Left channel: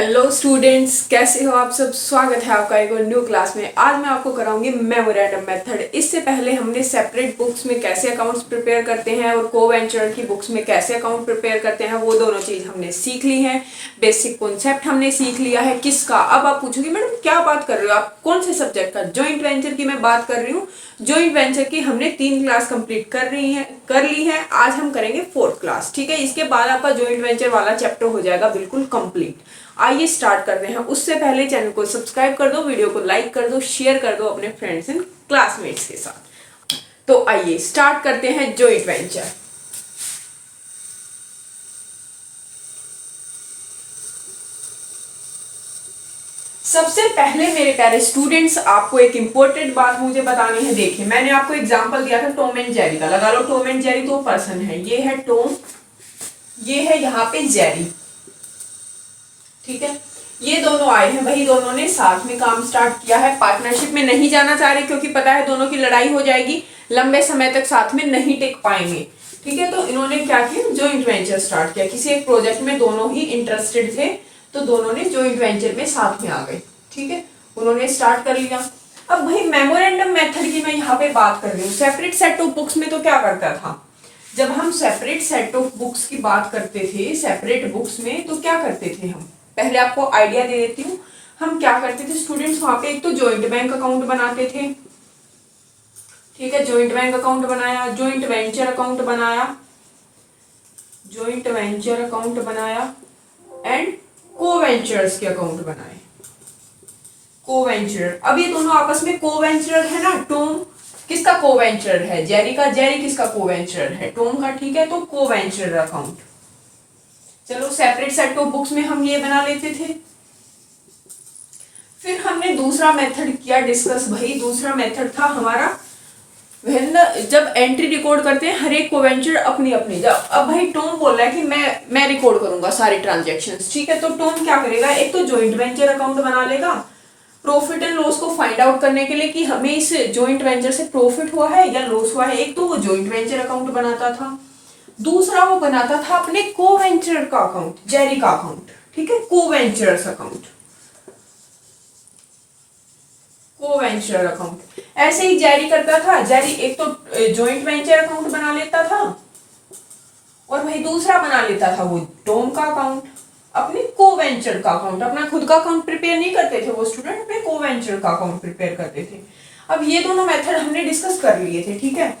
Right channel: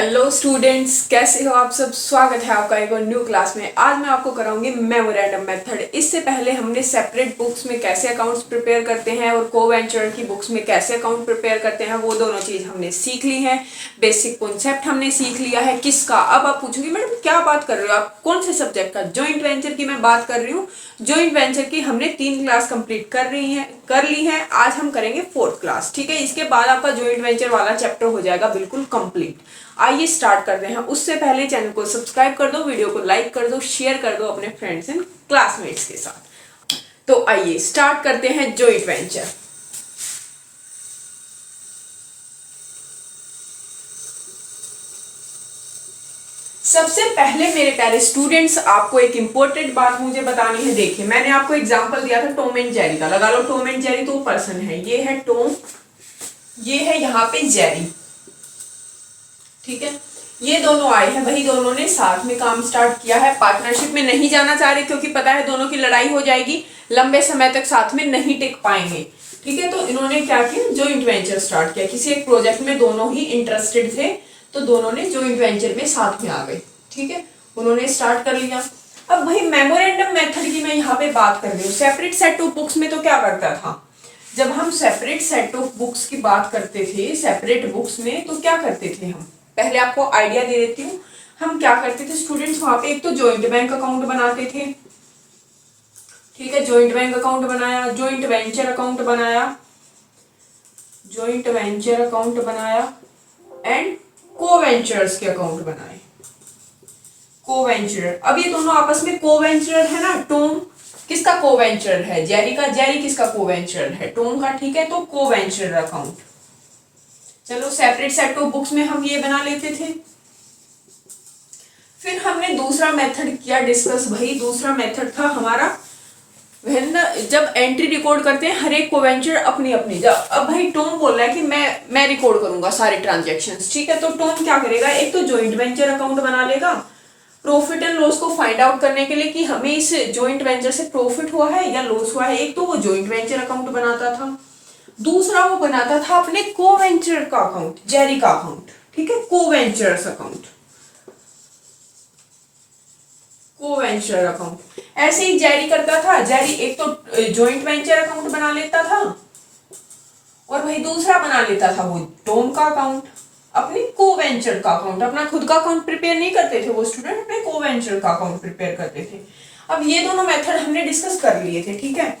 Hello students, कैसे हो आप सब। स्वागत है आपका एक और न्यू क्लास में। आज मैं आपको कराऊंगी मेमोरेंडम मेथड। इससे पहले हमने सेपरेट बुक्स में कैसे अकाउंट्स प्रिपेयर करते हैं और को वेंचर की बुक्स में कैसे अकाउंट प्रिपेयर करते हैं, वो दोनों चीज हमने सीख ली है। बेसिक कॉन्सेप्ट हमने सीख लिया है। किसका? अब आप पूछोगे मैडम क्या बात कर रहे हो आप, कौन से सब्जेक्ट का? ज्वाइंट वेंचर की मैं बात कर रही हूँ। ज्वाइंट वेंचर की हमने 3 क्लास कंप्लीट कर ली है। आज हम करेंगे 4th क्लास। ठीक है, इसके बाद आपका ज्वाइंट वेंचर वाला चैप्टर हो जाएगा बिल्कुल कंप्लीट। आइए स्टार्ट करते हैं। उससे पहले चैनल को सब्सक्राइब कर दो, वीडियो को लाइक कर दो, शेयर कर दो अपने फ्रेंड्स एंड क्लासमेट्स के साथ। तो आइए स्टार्ट करते हैं ज्वाइंट वेंचर। सबसे पहले मेरे प्यारे स्टूडेंट्स, आपको एक इंपॉर्टेंट बात मुझे बतानी है। देखिए, मैंने आपको एग्जांपल दिया था टॉम एंड जेरी का। लगा लो, टॉम एंड जेरी तो पर्सन है। ये है टॉम, ये है यहाँ पे जेरी। ठीक है, ये दोनों आए हैं, वही दोनों ने साथ में काम स्टार्ट किया है। पार्टनरशिप में नहीं जाना चाह रहे क्योंकि पता है दोनों की लड़ाई हो जाएगी, लंबे समय तक साथ में नहीं टिक पाएंगे। ठीक है, तो इन्होंने क्या किया, जॉइंट वेंचर स्टार्ट किया। किसी एक प्रोजेक्ट में दोनों ही इंटरेस्टेड थे, तो दोनों ने जॉइंट वेंचर में साथ में आ गए। ठीक है, उन्होंने स्टार्ट कर लिया। अब भाई मेमोरेंडम मेथड की मैं यहाँ पे बात कर रही हूँ। सेपरेट सेट ऑफ बुक्स में तो क्या करता था, जब हम सेपरेट सेट ऑफ बुक्स की बात करते थे, सेपरेट बुक्स में तो क्या करते थे हम, पहले आपको आइडिया दे देती हूँ। हम क्या करते थे स्टूडेंट्स, वहां पे एक तो जॉइंट बैंक अकाउंट बनाते थे। ठीक है, जॉइंट बैंक अकाउंट बनाया, जॉइंट वेंचर अकाउंट बनाया, जॉइंट वेंचर अकाउंट बनाया एंड को वेंचर्स के अकाउंट बनाए। को वेंचर, अब ये दोनों आपस में को वेंचर है ना। टॉम किसका को वेंचर है, जेरी का। जेरी किसका को वेंचर है, टॉम का। ठीक है, तो को वेंचर अकाउंट। चलो, सेपरेट सेट ऑफ बुक्स में हम ये बना लेते थे। फिर हमने दूसरा मेथड किया डिस्कस। भाई दूसरा मेथड था हमारा जब एंट्री रिकॉर्ड करते हैं हर एक को वेंचर अपनी अपनी। जब अब भाई टॉम बोल रहा है कि मैं रिकॉर्ड करूंगा सारे ट्रांजैक्शंस। ठीक है, तो टॉम क्या करेगा, एक तो जॉइंट वेंचर अकाउंट बना लेगा प्रॉफिट एंड लॉस को फाइंड आउट करने के लिए कि हमें इस जॉइंट वेंचर से प्रॉफिट हुआ है या लॉस हुआ है। एक तो वो जॉइंट वेंचर अकाउंट बनाता था, दूसरा वो बनाता था अपने को वेंचर का अकाउंट, जेरी का अकाउंट। ठीक है, को वेंचर्स अकाउंट, को वेंचर अकाउंट। ऐसे ही जेरी करता था। जेरी एक तो जॉइंट वेंचर अकाउंट बना लेता था और वही दूसरा बना लेता था वो टॉम का अकाउंट, अपने को वेंचर का अकाउंट। अपना खुद का अकाउंट प्रिपेयर नहीं करते थे वो स्टूडेंट, अपने को वेंचर का अकाउंट प्रिपेयर करते थे। अब ये दोनों मेथड हमने डिस्कस कर लिए थे। ठीक है,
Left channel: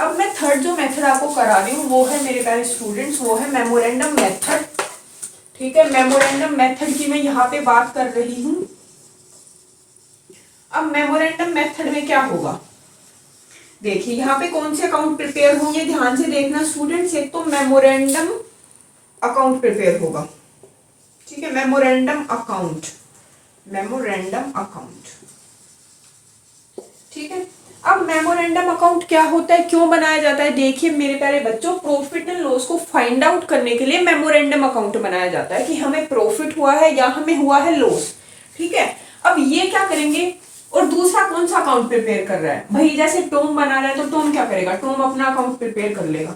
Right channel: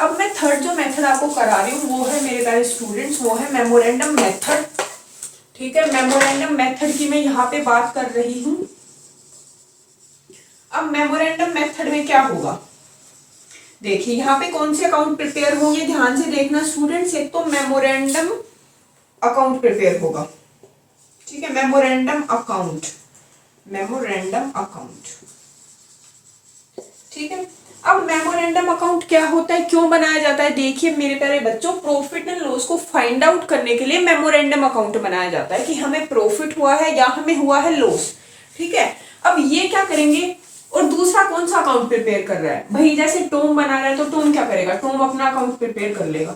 अब मैं थर्ड जो मेथड आपको करा रही हूँ वो है मेरे प्यारे स्टूडेंट्स, वो है मेमोरेंडम मेथड। ठीक है, मेमोरेंडम मेथड की मैं यहाँ पे बात कर रही हूँ। अब मेमोरेंडम मेथड में क्या होगा, देखिए यहाँ पे कौन से अकाउंट प्रिपेयर होंगे, ध्यान से देखना स्टूडेंट्स। एक तो मेमोरेंडम अकाउंट प्रिपेयर होगा। ठीक है, मेमोरेंडम अकाउंट, मेमोरेंडम अकाउंट। ठीक है, अब मेमोरेंडम अकाउंट क्या होता है, क्यों बनाया जाता है? देखिए मेरे प्यारे बच्चों, प्रॉफिट एंड लॉस को फाइंड आउट करने के लिए मेमोरेंडम अकाउंट बनाया जाता है कि हमें प्रॉफिट हुआ है या हमें हुआ है लॉस। ठीक है, अब ये क्या करेंगे, और दूसरा कौन सा अकाउंट प्रिपेयर कर रहा है भाई, जैसे टॉम बना रहा है तो टॉम क्या करेगा, टॉम अपना अकाउंट प्रिपेयर कर लेगा।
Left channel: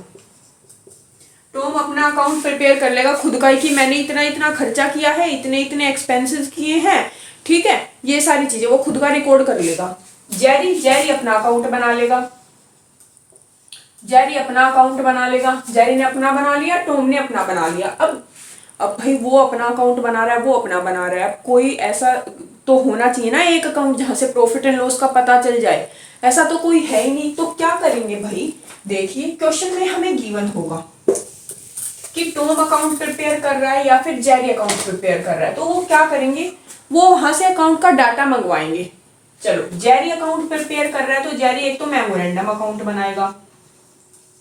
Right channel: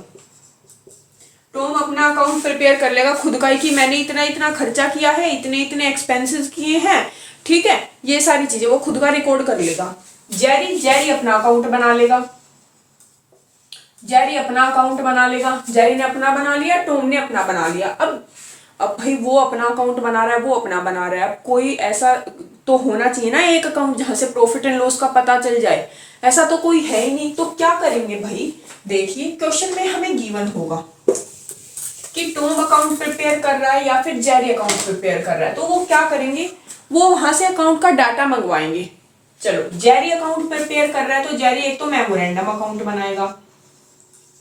टॉम अपना अकाउंट प्रिपेयर कर लेगा खुद का ही कि मैंने इतना इतना खर्चा किया है, इतने इतने एक्सपेंसेस किए हैं। ठीक है, ये सारी चीजें वो खुद का रिकॉर्ड कर लेगा। जेरी अपना अकाउंट बना लेगा, जेरी अपना अकाउंट बना लेगा। जेरी ने अपना बना लिया, टॉम ने अपना बना लिया। अब भाई वो अपना अकाउंट बना रहा है, वो अपना बना रहा है। अब कोई ऐसा तो होना चाहिए ना एक अकाउंट जहां से प्रॉफिट एंड लॉस का पता चल जाए, ऐसा तो कोई है ही नहीं। तो क्या करेंगे भाई, देखिए क्वेश्चन में हमें गिवन होगा कि टॉम अकाउंट प्रिपेयर कर रहा है या फिर जेरी अकाउंट प्रिपेयर कर रहा है, तो वो क्या करेंगे, वो वहां से अकाउंट का डाटा मंगवाएंगे। चलो, जेरी अकाउंट प्रिपेयर कर रहा है तो जेरी एक तो मेमोरेंडम अकाउंट बनाएगा।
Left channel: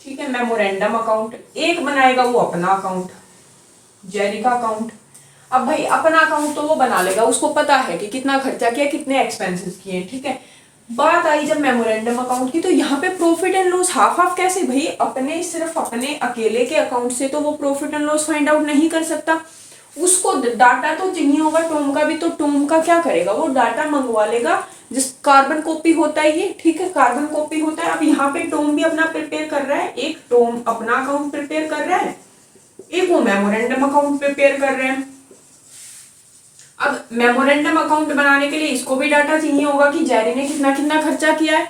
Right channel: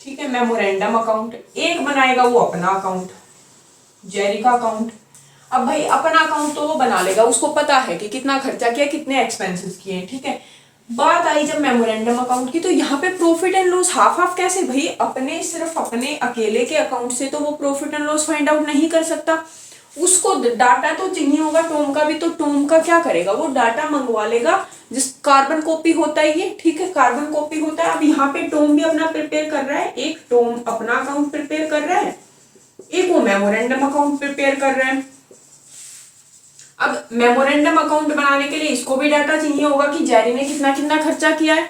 ठीक है, मेमोरेंडम अकाउंट एक बनाएगा वो अपना अकाउंट, जेरी का अकाउंट। अब भाई अपना अकाउंट तो वो बना लेगा, उसको पता है कि कितना खर्चा किया, कितने एक्सपेंसेस किए। ठीक है, बात आई जब मेमोरेंडम अकाउंट की, तो यहाँ पे profit and loss half half कैसे भाई, अपने सिर्फ अपने अकेले के अकाउंट से तो वो profit and loss find out नहीं कर सकता, उसको डाटा तो चाहिए होगा टॉम का भी। तो टॉम का क्या करेगा, वो डाटा मंगवा लेगा, जिस कार्बन कॉपी होता है ये। ठीक है, कार्बन कॉपी होता है। अब यहाँ पे टॉम भी अपना प्रिपेयर कर रहा है, एक टॉम अपना अकाउंट प्रिपेयर कर रहा है, एक वो मेमोरेंडम अकाउंट प्रिपेयर कर रहा है। अब मेमोरेंडम अकाउंट बनाने के लिए इसको भी डाटा चाहिए होगा कि जेरी ने कितना कितना खर्चा किया है,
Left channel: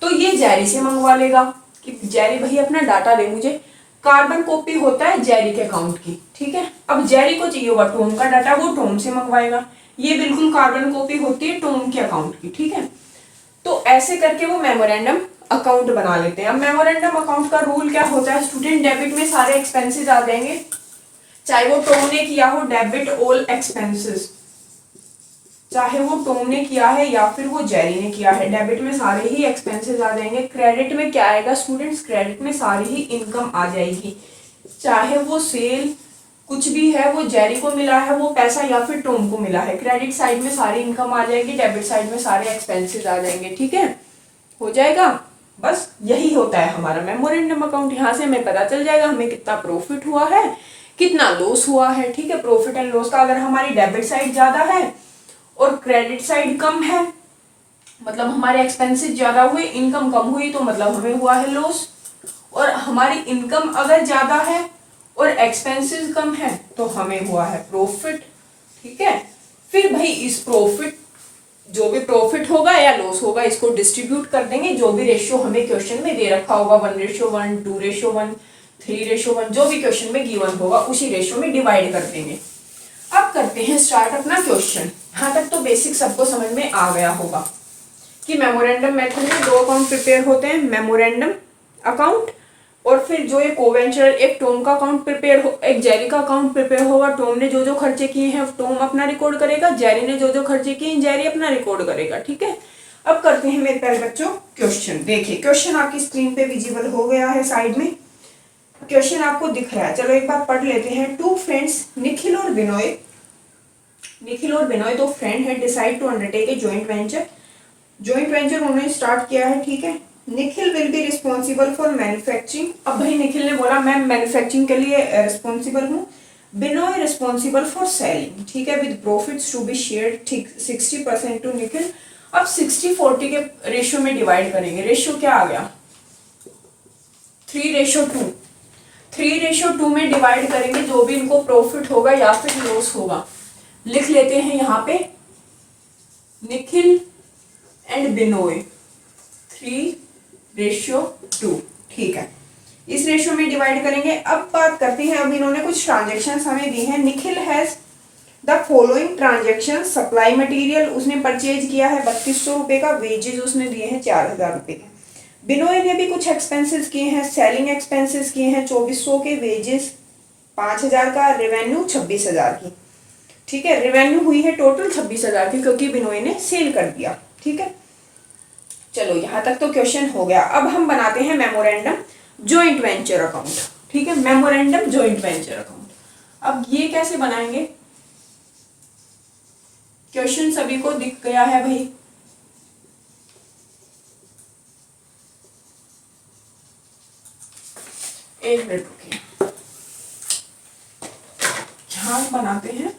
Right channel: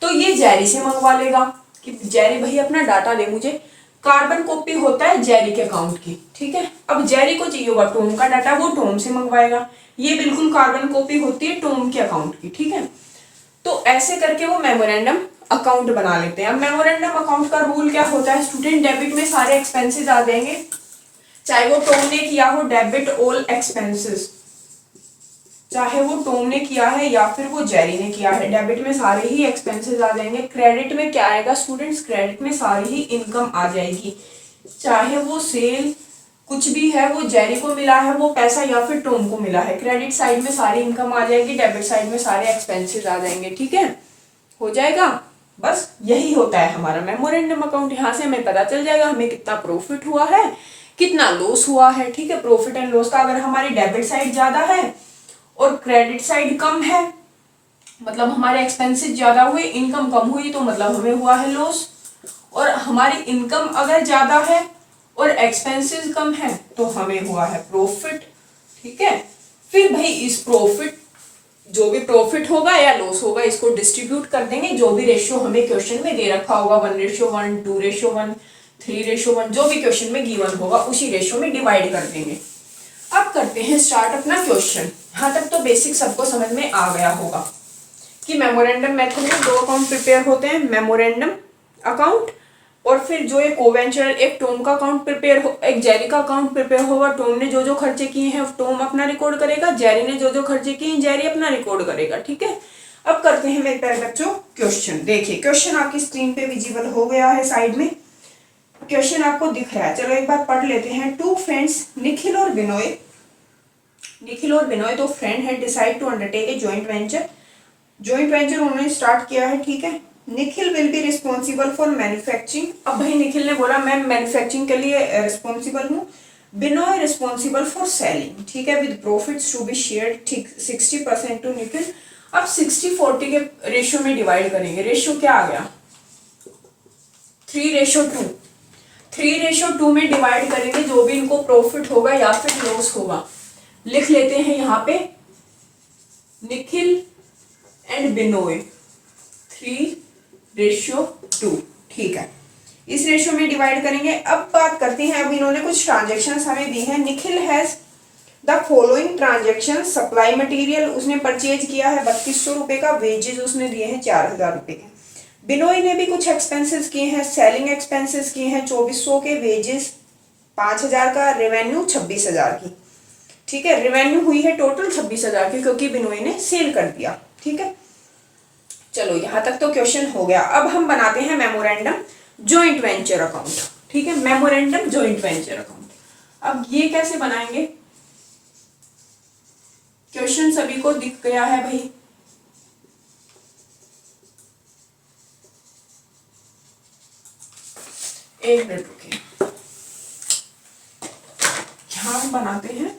तो ये जेरी से मंगवा लेगा कि जेरी भाई अपना डाटा दे मुझे। कार्बन कॉपी होता है जेरी के अकाउंट की, ठीक है। अब जेरी को चाहिए होगा टॉम का डाटा, वो टॉम से मंगवाएगा। ये बिल्कुल कार्बन कॉपी होती है टॉम के अकाउंट की, ठीक है। तो ऐसे करके वो मेमोरेंडम अकाउंट बना लेते हैं। अब मेमोरेंडम अकाउंट का रूल क्या होता है स्टूडेंट, डेबिट में सारे एक्सपेंसेस आ जाएंगे, चाहे वो टॉम ने किया हो डेबिट ऑल एक्सपेंसेस, चाहे वो टॉम ने किया है या फिर वो जेरी ने किया है, डेबिट में सारे ही एक्सपेंसेस आ जाएंगे। क्रेडिट में क्या आएगा स्टूडेंट्स, क्रेडिट में सारी ही इनकम आ जाएगी, चाहे वो सेल कुछ भी है वो जेरी को मिला है वो पैसा या फिर टॉम को मिला है। क्रेडिट साइड में सारी इनकम आ जाएगी, डेबिट साइड में सारे एक्सपेंसेस आ जाएंगे, ठीक है। हो जाएगा, बस यही होता है हमारा मेमोरेंडम अकाउंट। यहाँ से हमें पता चल जाएगा हमें कितना प्रॉफिट हुआ है, कितना लॉस हुआ है, ठीक है। प्रॉफिट एंड लॉस का अगर हमारी डेबिट साइड ज्यादा है और क्रेडिट साइड कम है, मतलब हमारे एक्सपेंसेस ज्यादा हुए इनकम कम हुई, तो मतलब हमें हुआ है लॉस। और हमारी इनकम अगर ज्यादा है और एक्सपेंसेस कम है तो हमें हुआ है प्रॉफिट, ठीक है। फिर भाई इस प्रॉफिट, जो भी प्रॉफिट होगा या लॉस होगा, इसको डिस्ट्रीब्यूट कर देंगे, जो भी रेशियो हमें क्वेश्चन में दे रखा होगा 1:1, 2:1, 3:1, जो भी क्वेश्चन में गिवन होगा उसी रेशियो में डिवाइड कर देंगे। अब करते हैं स्टार्ट अपना क्वेश्चन। यहाँ तक तो बेसिक सबको समझ में आ गया होगा कि मेमोरेंडम मेथड में दो अकाउंट प्रिपेयर होते हैं, मेमोरेंडम अकाउंट और फिर जो एक कोवेंचर, एक टॉम का अकाउंट प्रिपेयर हो, एक जेरी का अकाउंट प्रिपेयर होगा। टॉम ने जो जो खर्चे किए हैं टॉम अपना रिकॉर्ड करेगा, जेरी ने जो जो खर्चे किए हैं जेरी अपना रिकॉर्ड करेगा, ठीक है। अब करते हैं मेरे प्यारे बच्चों क्वेश्चन। देखिए क्वेश्चन आपकी स्क्रीन पे विजिबल हो गया है, साइड में क्वेश्चन आपको दिख रहा है। चलो एक बार पढ़ लेते हैं। टू फ्रेंड्स निखिल और बिनोय दो फ्रेंड है, decide to undertake a joint venture. Joint venture उन्होंने स्टार्ट किया है, ठीक है। Nikhil will be responsible for manufacturing. अब भाई निखिल ने बोला मैं मैन्युफैक्चरिंग के लिए रिस्पॉन्सिबल हूँ। बिनोय रिस्पॉन्सिबल फॉर सेलिंग, ठीक है, with profits to be shared, ठीक 60% टू निखिल। अब 60-40 के रेशियो में डिवाइड करेंगे। रेशियो क्या आ गया 3:2। 3:2 में डिवाइड करेंगे, जो भी इनको प्रॉफिट होगा या फिर लॉस होगा लिख लेते हैं यहाँ पे निखिल एंड बिनोय 3:2, ठीक है। इस रेशियो में डिवाइड करेंगे। अब बात करते हैं, अब इन्होंने कुछ ट्रांजेक्शन हमें दी हैं। Nikhil has the following transaction, supply material उसने परचेज किया है 3200 रुपए का, वेजेस उसने दिए हैं 4000 रुपए के। बिनोय ने भी कुछ एक्सपेंसेस किए हैं, सेलिंग एक्सपेंसेस किए हैं 2400 के, वेजेस 5000 का, रेवेन्यू 26000 की, ठीक है। रेवेन्यू हुई है टोटल 26000 की क्योंकि बिनोय ने सेल कर दिया, ठीक है। चलो यहां तक तो क्वेश्चन हो गया। अब हम बनाते हैं मेमोरेंडम जॉइंट वेंचर अकाउंट, ठीक है। मेमोरेंडम जॉइंट वेंचर अकाउंट, अब ये कैसे बनाएंगे, क्वेश्चन सभी को दिख गया है भाई। एक मिनट रुकिए, यहां बनाते हैं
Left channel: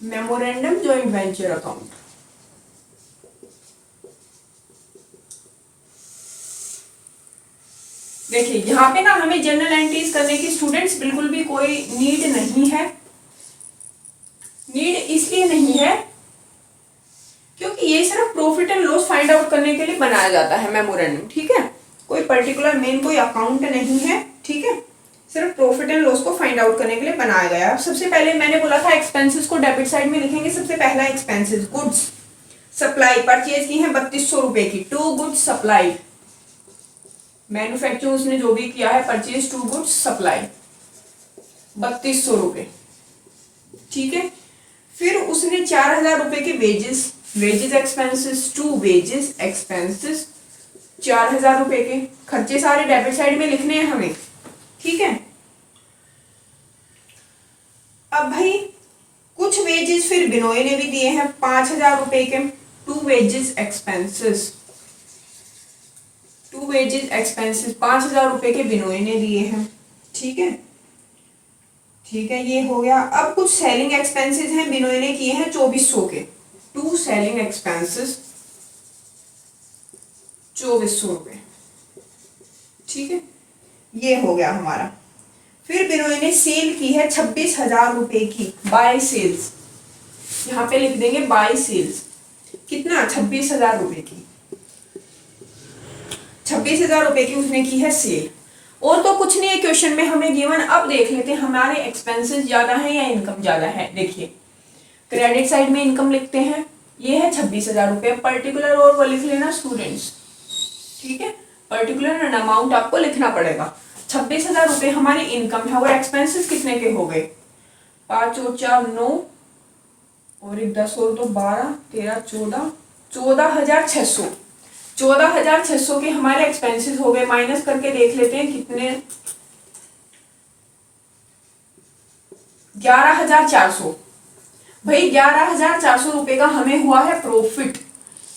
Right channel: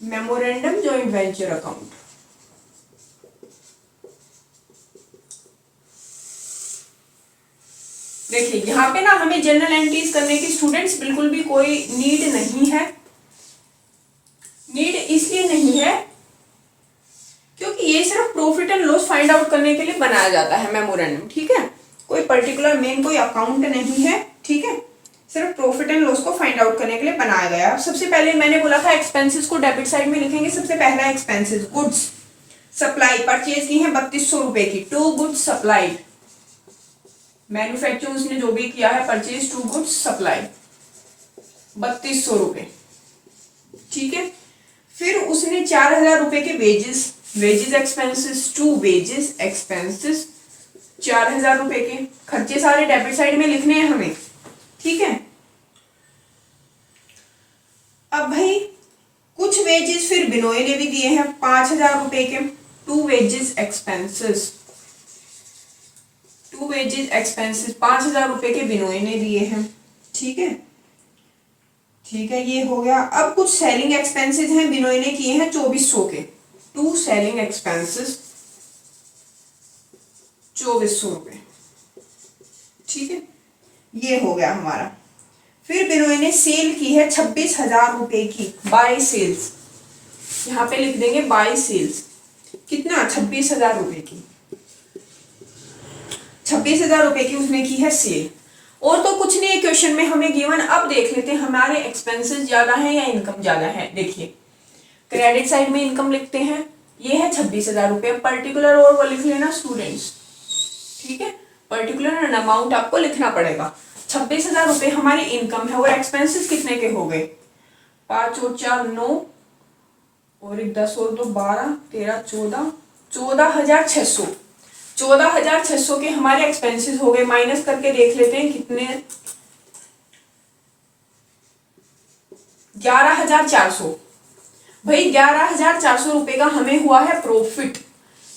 मेमोरेंडम जॉइंट वेंचर अकाउंट। देखिए यहाँ पे ना हमें जनरल एंट्रीज करने की स्टूडेंट्स बिल्कुल भी कोई नीड नहीं है। नीड इसलिए नहीं है क्योंकि ये सिर्फ profit and loss find out करने के लिए बनाया जाता है मेमोरेंडम, ठीक है। कोई पर्टिकुलर मेन कोई अकाउंट नहीं है, ठीक है। सिर्फ प्रॉफिट एंड लॉस को फाइंड आउट करने के लिए बनाया गया। अब सबसे पहले मैंने बोला था एक्सपेंसेस को डेबिट साइड में लिखेंगे। सबसे पहला एक्सपेंसेस गुड्स सप्लाई, परचेज की है 3200 रुपए की, 2 गुड्स सप्लाइड। मैन्युफैक्चर उसने जो भी किया है परचेज 2 गुड्स सप्लाई 3200 रुपए, ठीक है। फिर उसने 4000 रुपए के वेजेस एक्सपेंसेस, 2 वेजेस एक्सपेंसेस 4000 रुपए के। खर्चे सारे डेबिट साइड में लिखने हैं हमें, ठीक है। अब भाई कुछ वेजेस फिर बिनोय ने भी दिए हैं 5000 रुपए के, 2 वेजेस एक्सपेंसेस 5000 रुपए के बिनोय ने दिए हैं, ठीक है। ठीक है, ये हो गया। अब कुछ सेलिंग एक्सपेंसेस हैं, बिनोय ने किए हैं 2400 के, 2 सेलिंग एक्सपेंसेस 2400 रुपए, ठीक है। ये हो गया हमारा। फिर बिनोय ने सेल की है 26000 रुपए की, बाय सेल्स यहाँ पे लिख देंगे बाई सेल्स, कितना 26,000 रुपए की, 26,000 रुपए की उसने की है सेल। और तो कुछ नहीं है क्वेश्चन में हमें गिवन। अब देख लेते हैं हमारे एक्सपेंसेस ज्यादा है या इनकम ज्यादा है। देखिए क्रेडिट साइड में इनकम लिखते हैं, ये है 26,000 रुपये, पर्टिकुलर और वो लिख लेना स्टूडेंट्स, ठीक है, पर्टिकुलर एंड अमाउंट आपको लिखना पड़ेगा। 26,000 रुपये हमारी इनकम है और एक्सपेंसेस कितने के हो गए, 5 और 4 9 और 1 10 और 2 12 13 14, 14,600, 14,600 के हमारे एक्सपेंसेस हो गए। माइनस करके देख लेते हैं कितने, 11,400। भाई 11,400 रुपए का हमें हुआ है प्रॉफिट,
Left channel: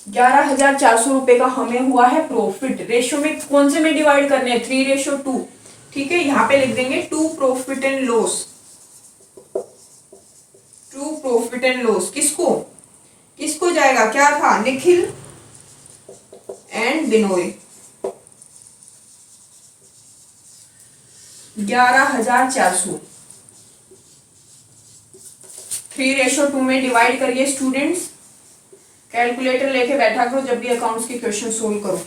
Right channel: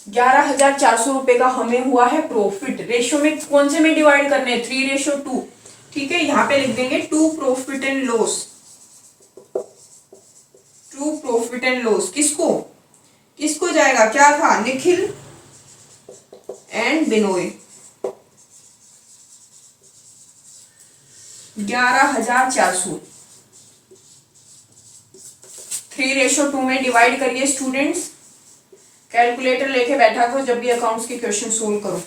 11,400 रुपए का हमें हुआ है प्रॉफिट। रेशियो में कौन से में डिवाइड करने हैं, 3:2, ठीक है। यहाँ पे लिख देंगे to profit and loss, to profit and loss किसको किसको जाएगा, क्या था, निखिल एंड बिनोय, 11,400, 3:2 में डिवाइड करिए स्टूडेंट्स। कैलकुलेटर लेके बैठा करो जब भी अकाउंट्स के क्वेश्चन सोल्व करो,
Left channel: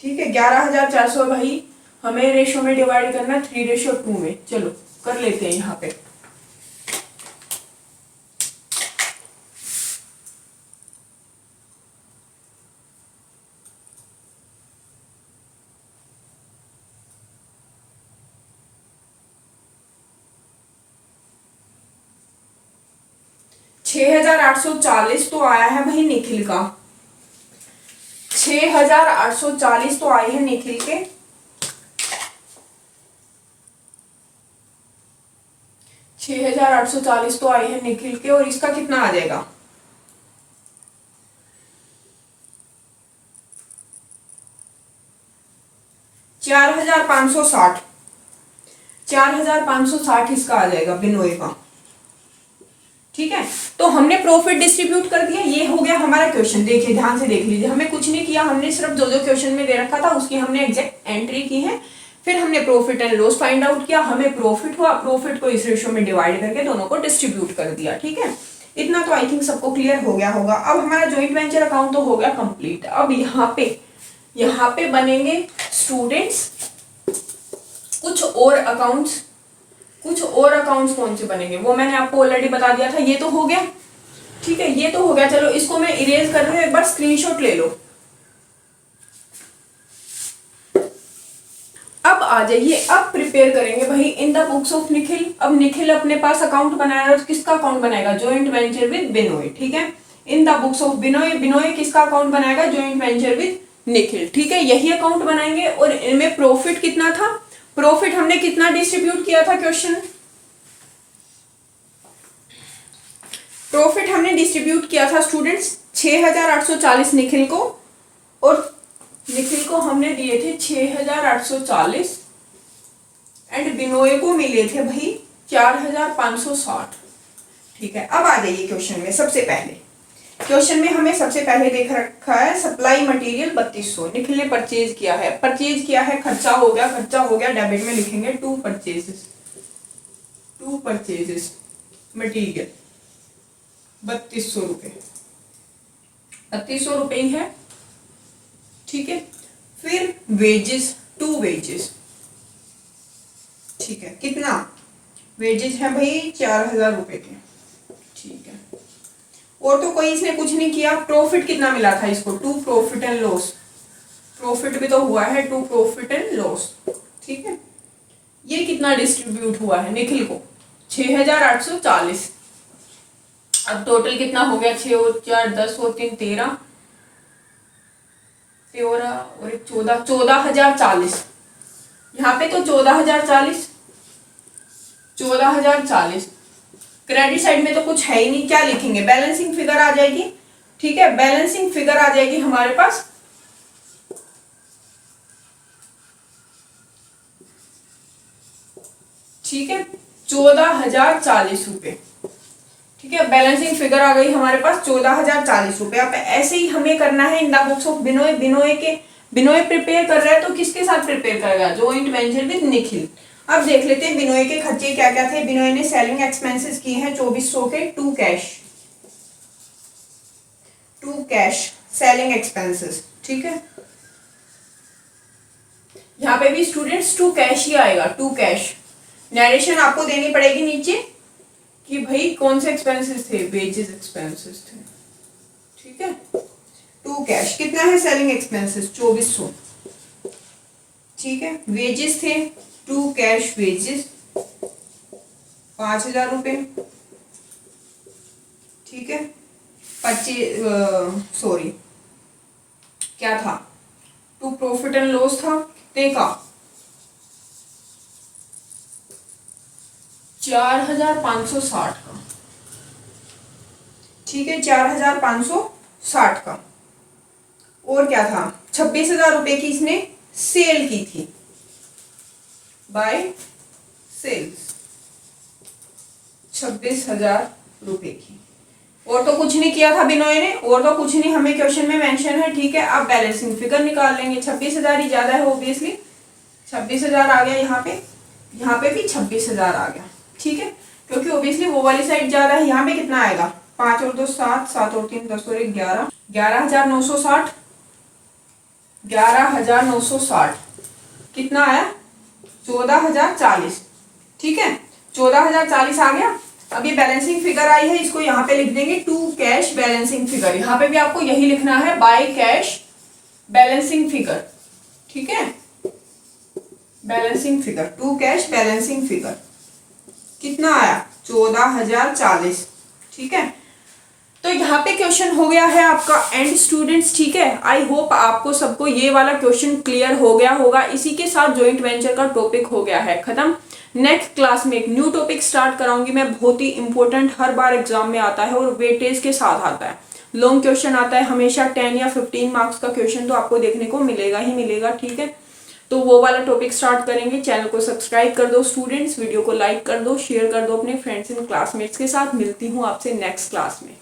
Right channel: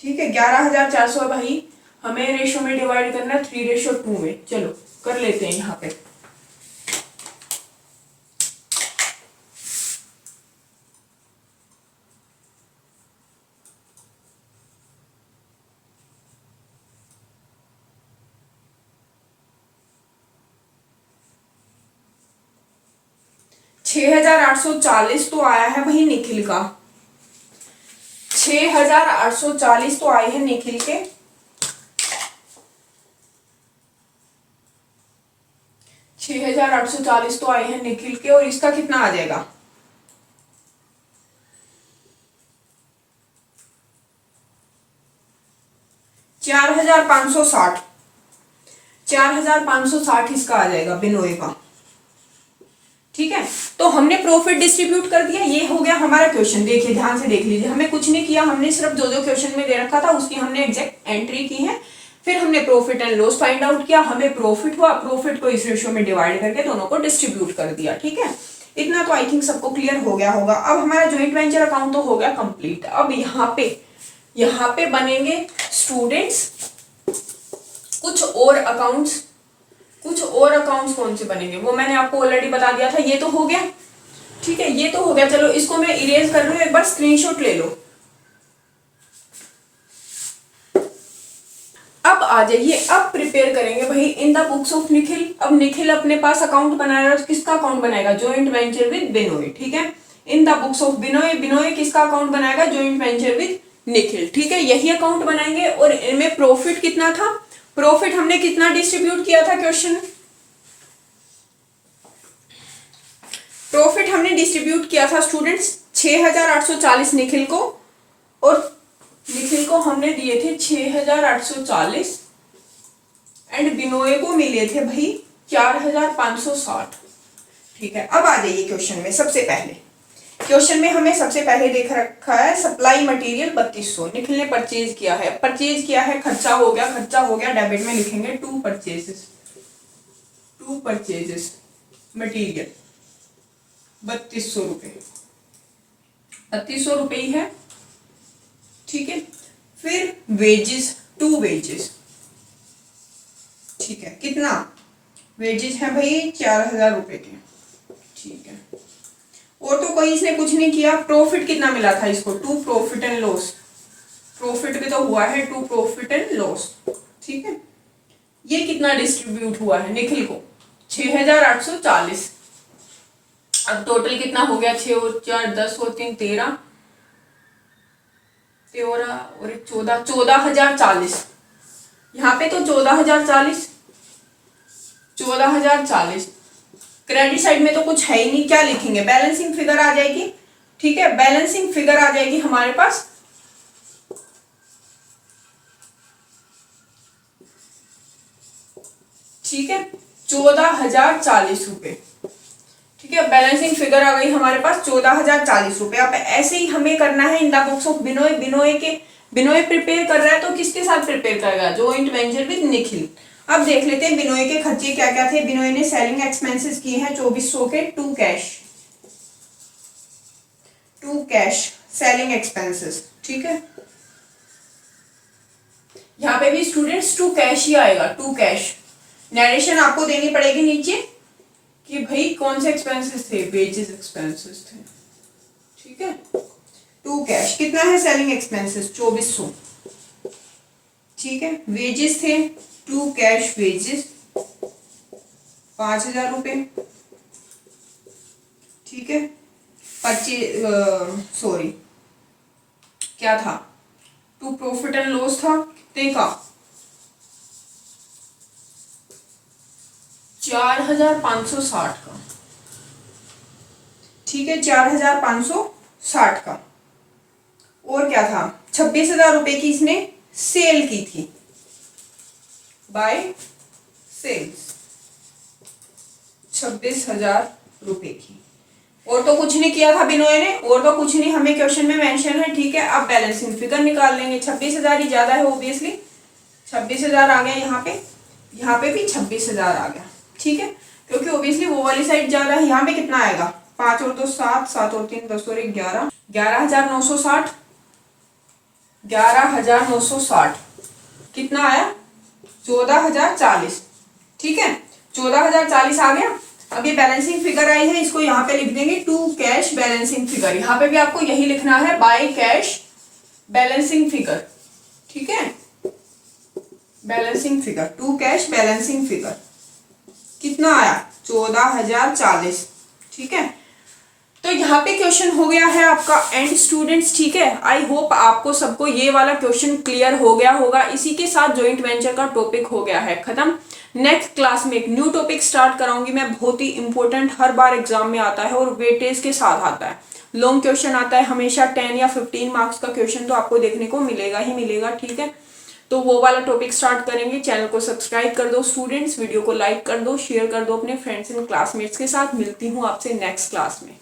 ठीक है। 11,400 भाई हमें रेशो में डिवाइड करना 3:2 में। चलो कर लेते हैं यहाँ पे। $6,840 तो आया है भाई निखिल का, 6,840 तो आए हैं निखिल के, 6,840 तो आए हैं निखिल के। और इसका कितना आ जाएगा, 4,560, 4,560 इसका आ जाएगा बिनोय का, ठीक है। तो हमने प्रॉफिट डिस्ट्रीब्यूट कर दिया, ये हो गया हमारा क्वेश्चन। देखिए ध्यान से देख लीजिए, हमें कुछ नहीं किया, हमने सिर्फ जो जो क्वेश्चन में दे रखा था उसकी हमने एग्जैक्ट एंट्री की है। फिर हमने profit and loss find out किया, हमें प्रॉफिट हुआ, प्रॉफिट को इस रेशियो में डिवाइड करके दोनों को डिस्ट्रीब्यूट कर दिया, ठीक है। इतना तो आई थिंक सबको क्लियर हो गया होगा। अब हमारा ज्वाइंट वेंचर अकाउंट तो हो गया कंप्लीट। अब यहाँ पे बनेंगे स्टूडेंट्स कुछ और अकाउंट्स, कुछ और अकाउंट्स कौन से बनेंगे वो मैंने आपको ऑलरेडी बता दिया था। ये तो हो गया, ठीक है, ये तो हो गया। चलो इसको मैं इरेज कर रही हूँ, एक बार स्क्रीनशॉट ले लो। अब आ जाइए, अब प्रिपेयर करेंगे भाई in the books of Nikhil. अब निखिल अपने पास अकाउंट बनाएगा, किसका अकाउंट बनाएगा, जॉइंट वेंचर विद बिनोय, ठीक है। In the books of Binoy, Binoy किसका अकाउंट बनाएगा, जॉइंट वेंचर विद निखिल, ठीक है। यही अकाउंट बनाएंगे। और इनमें प्रॉफिट कितना था, प्रॉफिट हमने कितना डिस्ट्रीब्यूट किया था, क्वेश्चन प्रॉफिट हमने डिस्ट्रीब्यूट किया था स्टूडेंट्स 6,840 निखिल को, और निखिल को हमने दिए थे 6,840 एंड बिनोय को मिले थे भाई 4,560, ठीक है। अब आ जाइए क्वेश्चन में। सबसे पहले क्वेश्चन में हमें सबसे पहले देख रखा है सप्लाई मटेरियल 3200 निखिल ने परचेज किया है, परचेज किया है, खर्चा हो गया, खर्चा हो गया, डेबिट में लिखेंगे टू परचेजेस मटेरियल 3200 रुपए, 3200 रुपए ही है, ठीक है। फिर वेजेस, टू वेजेस, ठीक है, कितना वेजेस है भाई 4,000 रुपए के, ठीक है। और तो कोई इसने कुछ नहीं किया। प्रॉफिट कितना मिला था इसको, to profit and loss, profit भी तो हुआ है टू प्रॉफिट एंड लॉस, ठीक है। ये कितना डिस्ट्रीब्यूट हुआ है निखिल को, 6,840। अब टोटल कितना हो गया, 6 और 4 10 और 3 13 और 1 14, 14,040। यहाँ पे तो 14,040, 14,040। क्रेडिट साइड में तो कुछ है ही नहीं, क्या लिखेंगे, बैलेंसिंग फिगर आ जाएगी, ठीक है। बैलेंसिंग फिगर आ जाएगी हमारे पास, ठीक है, 14,040 रुपए, ठीक है। बैलेंसिंग फिगर आ गई हमारे पास 14,040 रुपए। अब ऐसे ही हमें करना है in the books of Binoy, Binoy prepare कर रहा है तो किसके साथ प्रिपेयर करेगा, जॉइंट वेंचर विद निखिल। अब देख लेते हैं बिनोय के खर्चे क्या क्या थे। बिनोय ने सेलिंग एक्सपेंसेस किए हैं 2,400 के, to cash, to cash selling expenses, ठीक है। यहाँ पे भी स्टूडेंट्स टू कैश ही आएगा, टू कैश। नरेशन आपको देनी पड़ेगी नीचे कि भाई कौन से एक्सपेंसेस थे, वेजेस एक्सपेंसेस थे, ठीक है। टू कैश कितना है सेलिंग एक्सपेंसेस 2400, ठीक है। वेजेस थे टू कैश वेजेस 5000 रुपये, ठीक है। सॉरी क्या था, टू प्रॉफिट एंड लॉस था, कितने का 4560 का, ठीक है, 4560 का। और क्या था, 26,000 रुपए की इसने सेल की थी, बाय सेल्स 26,000 रुपए की। और तो कुछ नहीं किया था बिनोय ने, और तो कुछ नहीं हमें क्वेश्चन में मेंशन है, ठीक है। अब बैलेंसिंग फिगर निकाल लेंगे, 26,000 ही ज्यादा है ऑब्वियसली, 26,000 आ गया यहाँ पे भी 26,000 आ गया, ठीक है, क्योंकि ऑब्वियसली वो वाली साइड जा रहा है। यहाँ पे कितना आएगा, 5 और 2 7, 7 और 3 10 और 1 11, 11,960, 11,960 कितना आया 14,040, ठीक है, 14,040 आ गया। अब ये बैलेंसिंग फिगर आई है, इसको यहाँ पे लिख देंगे टू कैश बैलेंसिंग फिगर। यहाँ पे भी आपको यही लिखना है, बाय कैश बैलेंसिंग फिगर, ठीक है, balancing figure, to cash balancing figure कितना आया 14,040, ठीक है। तो यहाँ पे क्वेश्चन हो गया है आपका एंड स्टूडेंट्स, ठीक है। आई होप आपको सबको ये वाला क्वेश्चन क्लियर हो गया होगा। इसी के साथ जॉइंट वेंचर का टॉपिक हो गया है खत्म। नेक्स्ट क्लास में एक न्यू टॉपिक स्टार्ट कराऊंगी मैं, बहुत ही इंपॉर्टेंट, हर बार एग्जाम में आता है और वेटेज के साथ आता है। लॉन्ग क्वेश्चन आता है हमेशा, 10 या 15 मार्क्स का क्वेश्चन तो आपको देखने को मिलेगा ही मिलेगा, ठीक है। तो वो वाला टॉपिक स्टार्ट करेंगे। चैनल को सब्सक्राइब कर दो स्टूडेंट्स, वीडियो को लाइक कर दो, शेयर कर दो अपने फ्रेंड्स एंड क्लासमेट्स के साथ। मिलती हूँ आपसे नेक्स्ट क्लास में।